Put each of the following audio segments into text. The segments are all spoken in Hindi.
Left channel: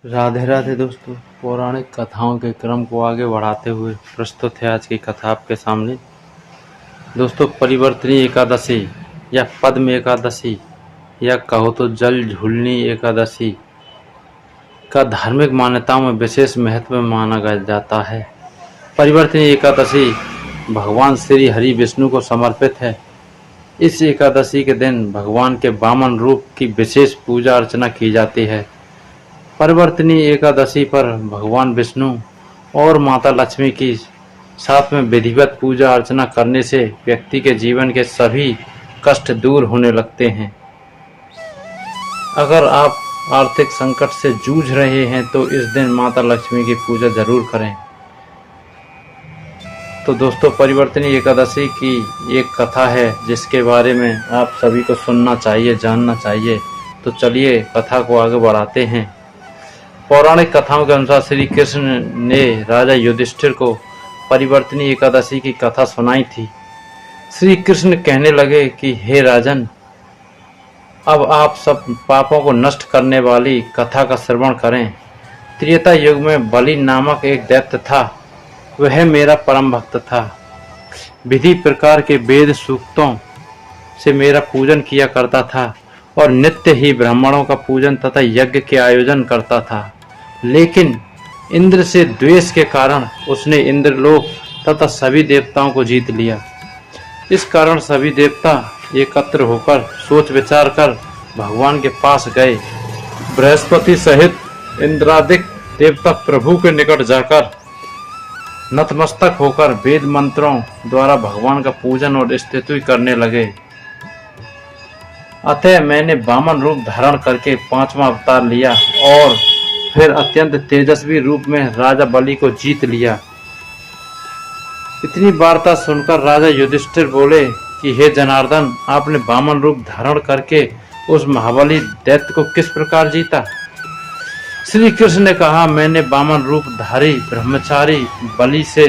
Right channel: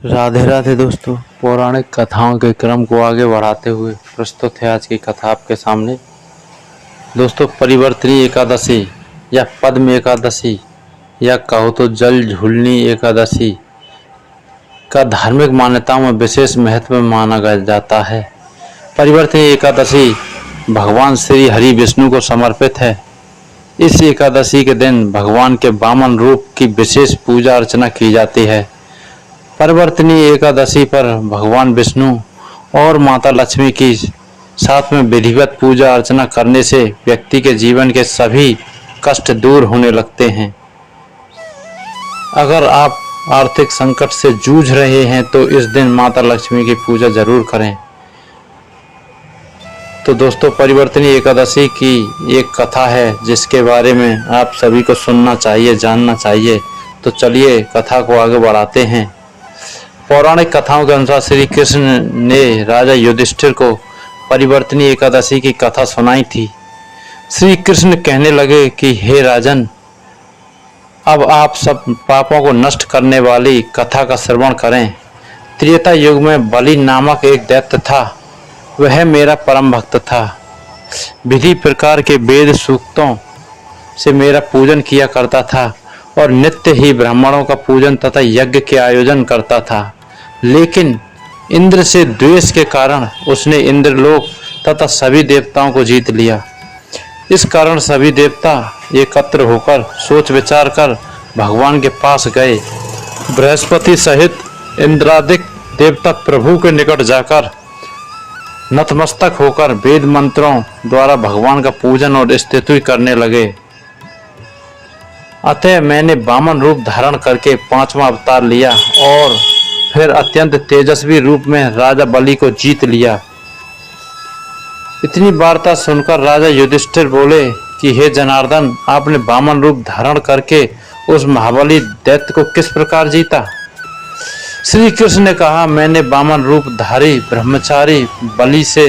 राधे राधे दोस्तों। पौराणिक कथाओं के क्रम को आगे बढ़ाते हुए प्रस्तुत है आज की कथा आपके सामने। दोस्तों, परिवर्तनी एकादशी या पद्म एकादशी या कहो तो जल झूलनी एकादशी का धार्मिक मान्यताओं में विशेष महत्व माना जाता है। परिवर्तनी एकादशी भगवान श्री हरि विष्णु को समर्पित है। इस एकादशी के दिन भगवान के वामन रूप की विशेष पूजा अर्चना की जाती है। परिवर्तनी एकादशी पर भगवान विष्णु और माता लक्ष्मी की साथ में विधिवत पूजा अर्चना करने से व्यक्ति के जीवन के सभी कष्ट दूर होने लगते हैं। अगर आप आर्थिक संकट से जूझ रहे हैं तो इस दिन माता लक्ष्मी की पूजा जरूर करें। तो दोस्तों, परिवर्तनी एकादशी की एक कथा है जिसके बारे में आप सभी को सुनना चाहिए, जानना चाहिए। तो चलिए कथा को आगे बढ़ाते हैं। पौराणिक कथाओं के अनुसार श्री कृष्ण ने राजा युधिष्ठिर को परिवर्तनी एकादशी की कथा सुनाई थी। श्री कृष्ण कहने लगे कि हे राजन, अब आप सब पापों को नष्ट करने वाली कथा का श्रवण करें। त्रेता युग में बलि नामक एक दैत्य था। वह मेरा परम भक्त था। विधि प्रकार के वेद सूक्तों से मेरा पूजन किया करता था और नित्य ही ब्राह्मणों का पूजन तथा यज्ञ के आयोजन करता था। लेकिन इंद्र से द्वेष के कारण उसने इंद्रलोक तथा सभी देवताओं को जीत लिया। इस कारण सभी देवता एकत्र होकर सोच विचार कर भगवान के पास गए। बृहस्पति सहित इंद्रादिक देवता प्रभु के निकट जाकर नतमस्तक होकर वेद मंत्रों द्वारा भगवान का पूजन और स्तुति करने लगे। अतः मैंने वामन रूप धारण करके 5वां अवतार लिया और फिर अत्यंत तेजस्वी रूप में राजा बलि को जीत लिया। इतनी वार्ता सुनकर राजा युधिष्ठिर बोले कि हे जनार्दन, आपने वामन रूप धारण करके उस महाबली दैत्य को किस प्रकार जीता? श्री कृष्ण ने कहा, मैंने वामन रूप धारी ब्रह्मचारी बलि से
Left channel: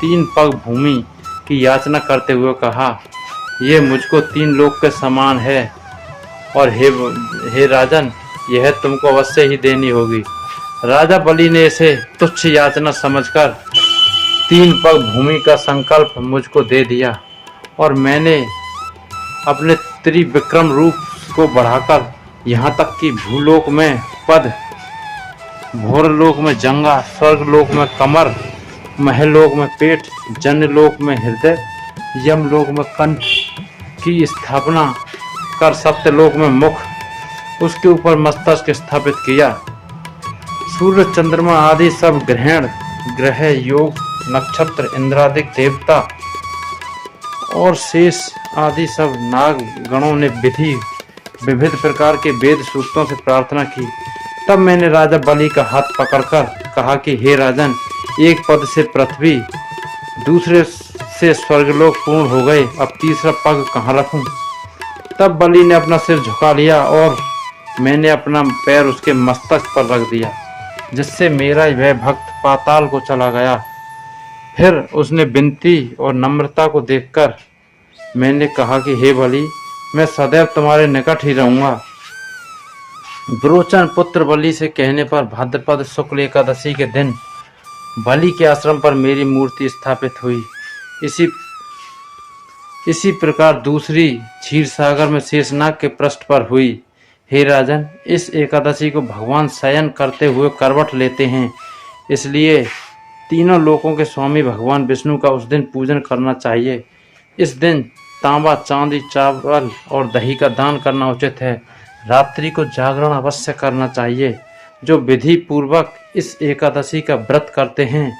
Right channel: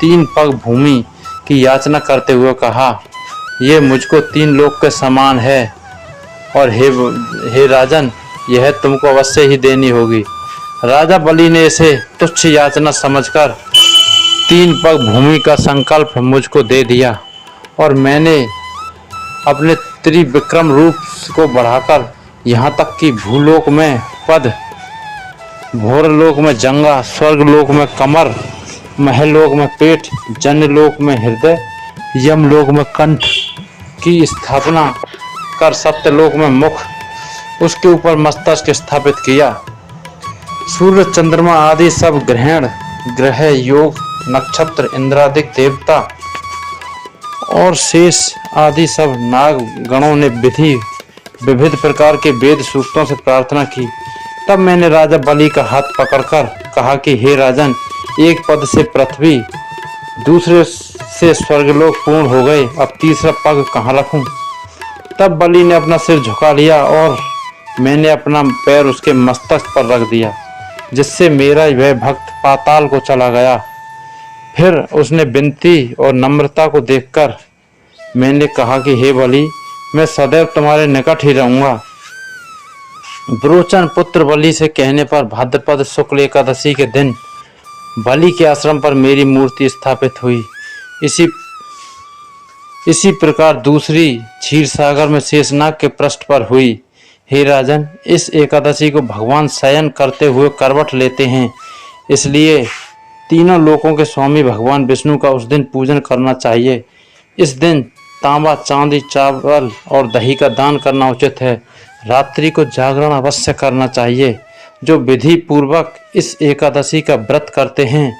3 पग भूमि की याचना करते हुए कहा, ये मुझको 3 लोक के समान है और हे राजन, यह तुमको अवश्य ही देनी होगी। राजा बलि ने इसे तुच्छ याचना समझकर 3 पग भूमि का संकल्प मुझको दे दिया और मैंने अपने त्रिविक्रम रूप को बढ़ाकर यहाँ तक कि भूलोक में पद, भोरलोक में जंगा, स्वर्गलोक में कमर, महलोक में पेट, जनलोक में हृदय, यमलोक में कंठ की स्थापना कर सत्यलोक में मुख, उसके ऊपर मस्तक स्थापित किया। सूर्य चंद्रमा आदि सब ग्रह योग नक्षत्र इंद्रादिक देवता और शेष आदि सब नाग गणों ने विविध प्रकार के वेद सूक्तों से प्रार्थना की। तब मैंने राजा बलि का हाथ पकड़कर कहा कि हे राजन, एक पद से पृथ्वी, दूसरे से स्वर्गलोक पूर्ण हो गए, अब तीसरा पग कहाँ रखूं? तब बलि ने अपना सिर झुका लिया और मैंने अपना पैर उसके मस्तक पर रख दिया, जिससे मेरा वह भक्त पाताल को चला गया। फिर उसने विनती और नम्रता को देखकर मैंने कहा कि हे बलि, मैं सदैव तुम्हारे निकट ही रहूंगा। विरोचन पुत्र बलि से कहने पर भाद्रपद शुक्ल एकादशी के दिन बलि के आश्रम पर मेरी मूर्ति स्थापित हुई। इसी प्रकार दूसरी क्षीर सागर में शेषनाग के पृष्ठ पर हुई। हे राजन, इस एकादशी को भगवान शयन करते हुए करवट लेते हैं, इसलिए तीनों लोकों के स्वामी भगवान विष्णु का उस दिन पूजन करना चाहिए। इस दिन तांबा, चांदी, चावल और दही का दान करना उचित है। रात्रि को जागरण अवश्य करना चाहिए। जो विधि पूर्वक इस एकादशी का व्रत करते हैं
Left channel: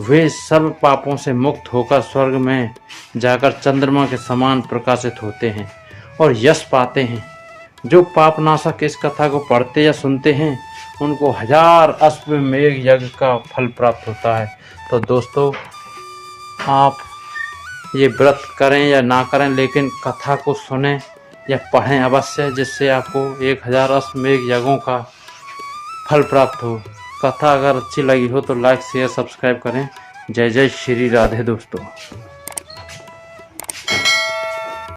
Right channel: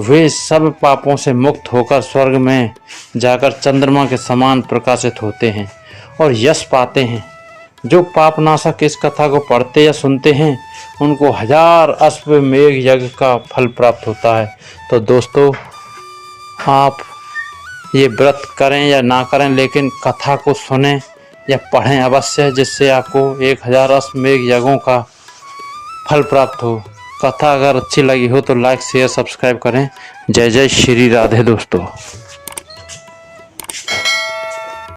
वे सब पापों से मुक्त होकर स्वर्ग में जाकर चंद्रमा के समान प्रकाशित होते हैं और यश पाते हैं। जो पापनाशक इस कथा को पढ़ते या सुनते हैं उनको 1000 अश्वमेध यज्ञ का फल प्राप्त होता है। तो दोस्तों, आप ये व्रत करें या ना करें, लेकिन कथा को सुनें या पढ़ें अवश्य, जिससे आपको 1000 अश्वमेध यज्ञों का फल प्राप्त हो। कथा अगर अच्छी लगी हो तो लाइक, शेयर, सब्सक्राइब करें। जय जय श्री राधे दोस्तों।